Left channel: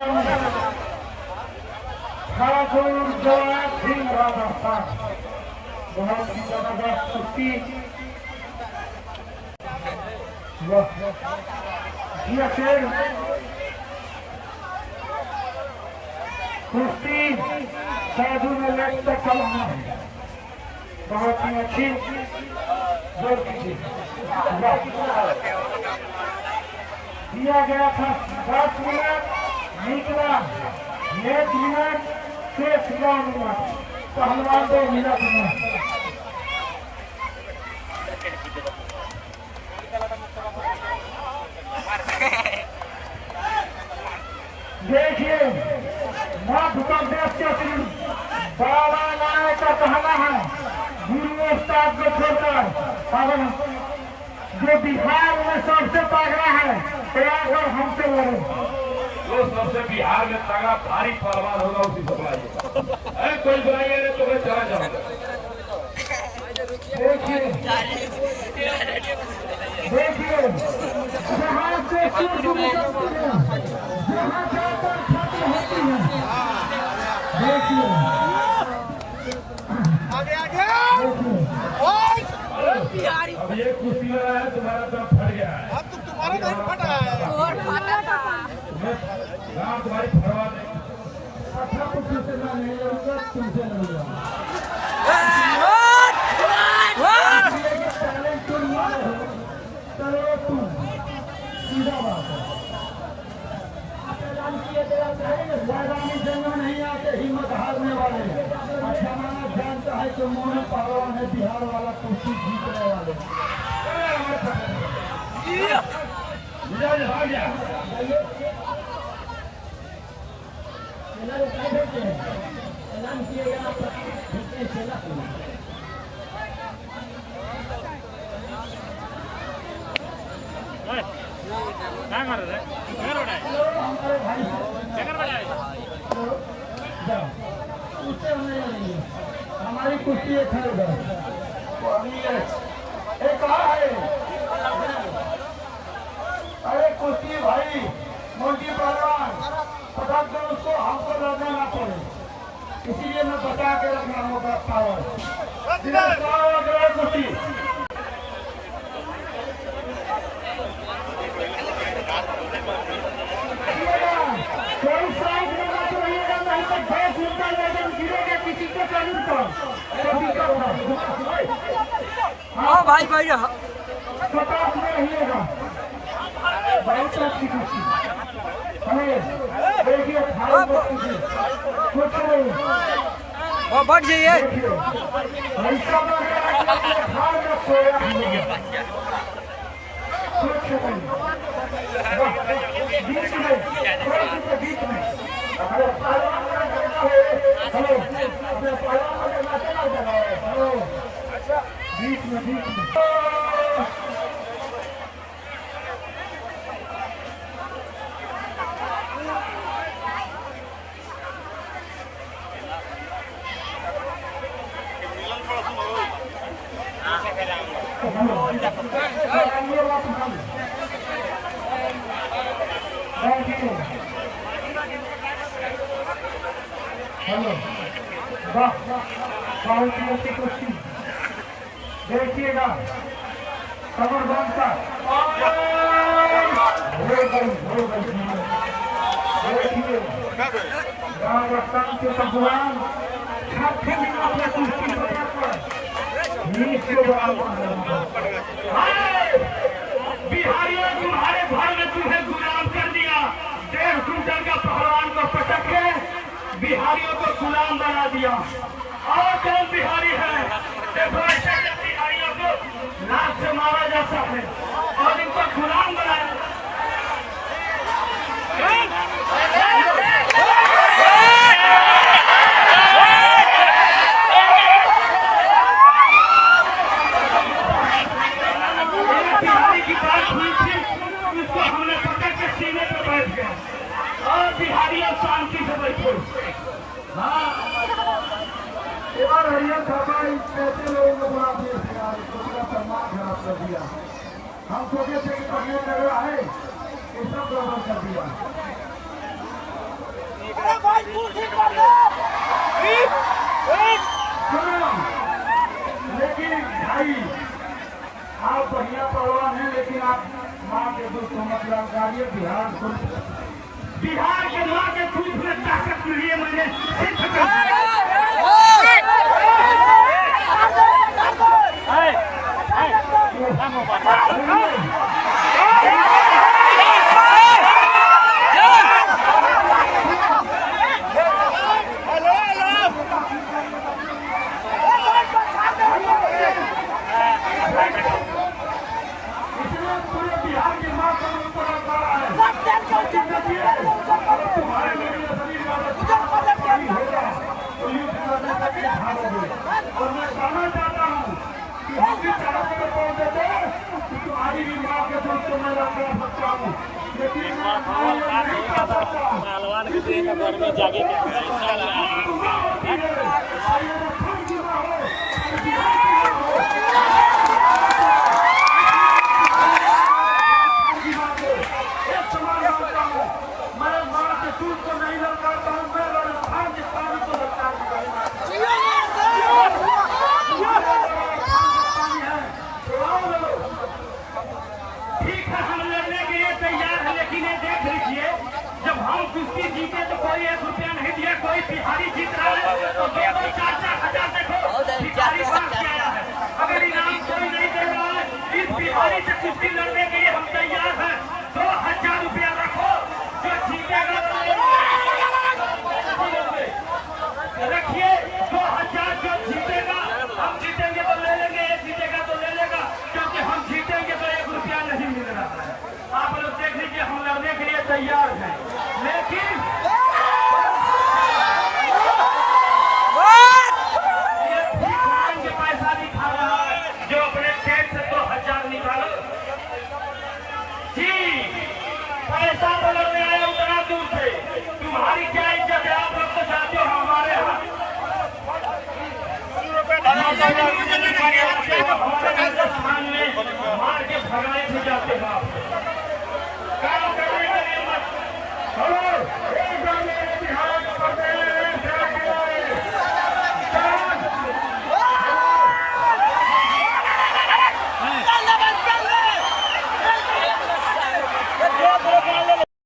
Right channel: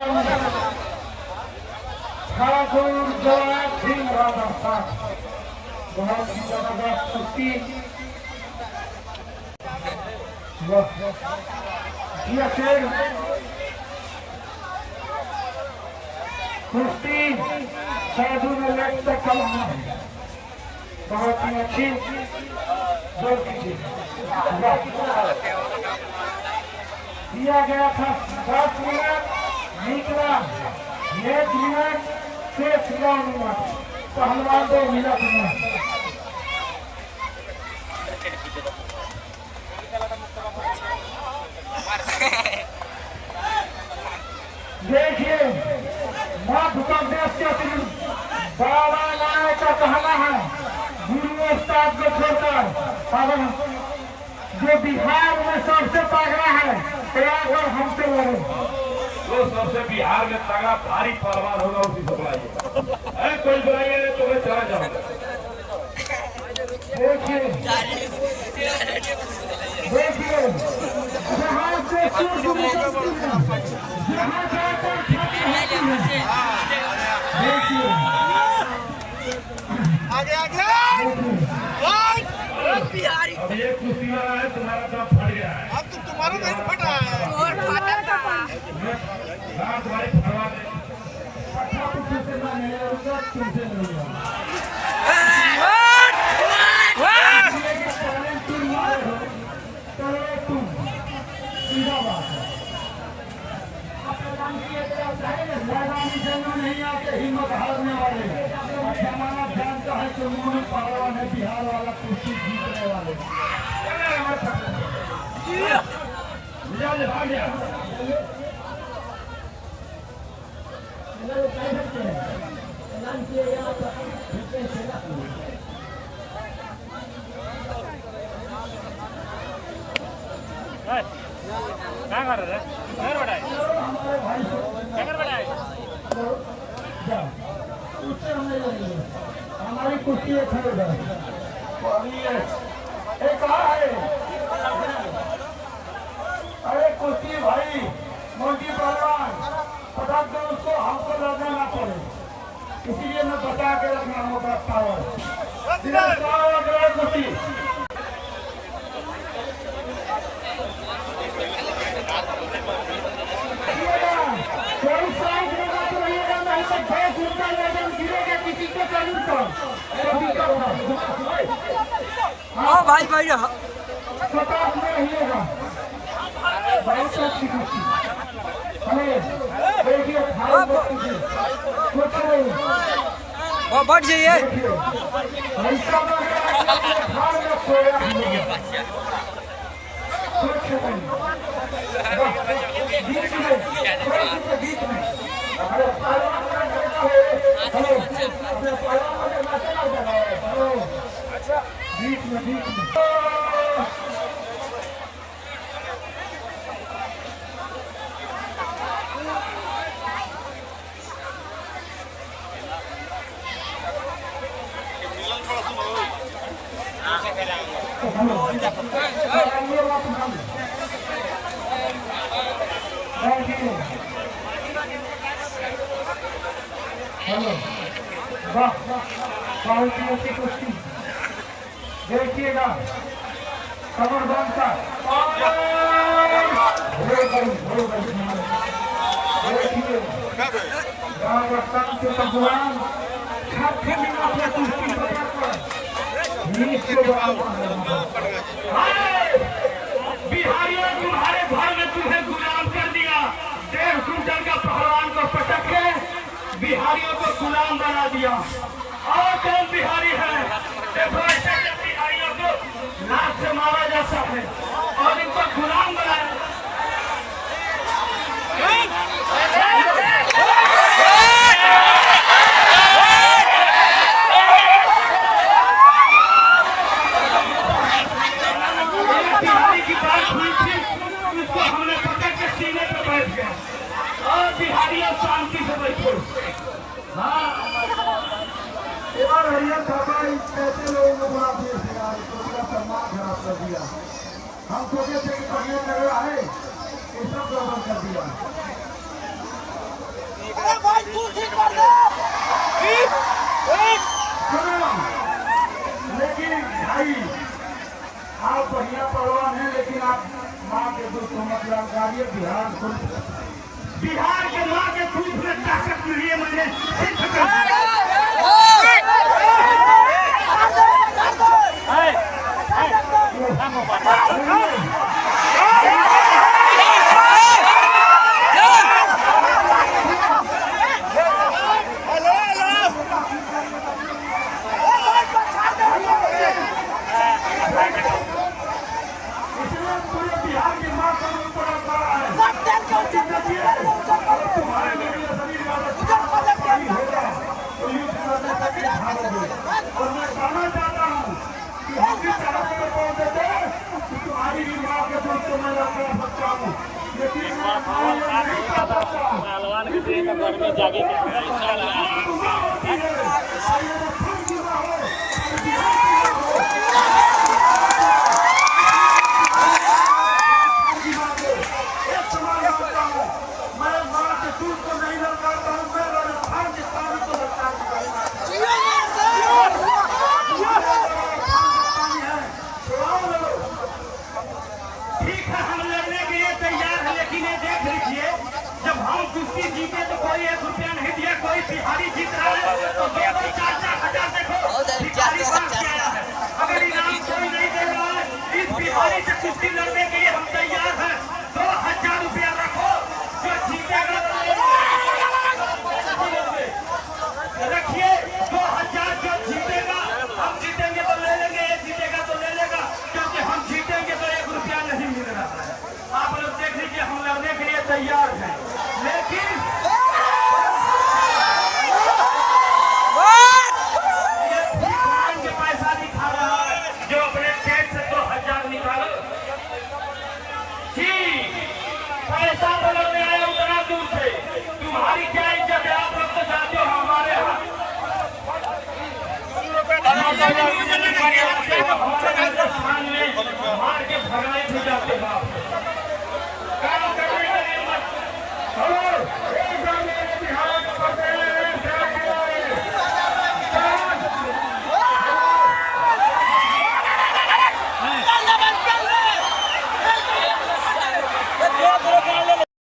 ठाकुर जगन्नाथ सिंह राजस्थान बहुत ही जबरदस्त कुश्ती। कुश्ती साधु में लगता कलम बहुत ही अच्छी दिया गया था 10 मिनट निकला 1 मिनट से 9 मिनट पहलवान 2 मिनट में। देखिए मध्य प्रदेश के 12 नायों का कहना है गुरु उस्ताद को छोड़कर और जो बिहार में सबसे तगड़ा है प्रयागराज हमसे लड़े जो सबसे बिहार में तगड़ा भारी पहलवान होगा उसी को बुलाइए। कोई बुलाइए तो मैं चला जाऊँ। देखिए यहाँ से देखिए आगे आगे बिहारी अब ये कुश्ती वाला है तुम्हारा दम फट गया है। अब तुम्हारा नहीं फटा है तुम्हारी फटवा नहीं आके हिम्मत हारने वाले हमारा जानता है कि मोहन पहलवान है बिहार वाला कुश्ती जीतने वाले। हमारी कुश्ती एक है अरे कुश्ती भाई मोटी पहलवान पता तो उसको हमको लड़ना ना पड़े इसीलिए मैं बता के रखना होगा पावर कुश्ती हाँ भाई भाई 50 में रहिएगा बहुत अच्छी कुश्ती बढ़ जाइए बीच में हेलो वाह बहुत ही अच्छी कुश्ती देखिएगा कमर बंद का देखिए राजस्थान के भगवान बिहारियों तुम्हारे भाग में तुम्हें गुलाम कर दिया 1.5 क्विंटल का पहलवान को पटक के बिहारियों को गुलाम बना दिया। और कौन बिहारी है देखो ऐसे बिहारियों को लाश से मारा जाता है और इनको गुलाम बनाया। बिहारी की बात हुई थी बिहार के माँ के दूध में ताकत के लिए मैंने सिद्ध कर पहलवान के देह में गर्मी जागे के अगर इनाम कोई नहीं दे रहा है, इस बिहारी से कुश्ती लड़ने के लिए हम तैयार हैं। 2000 रुपया रखो, जो जीतेगा रखिए। 2000 जो जीतेगा, हम जीतेंगे तो ले लेंगे, ये जीतेगा तो ले लेगा, क्योंकि हम जीतेंगे तो 1 रुपया नहीं मिलेगा। आप लोग देख लीजिए, हम लड़ने के लिए तैयार हैं, लेकिन मार के भगाए भी जाते हैं।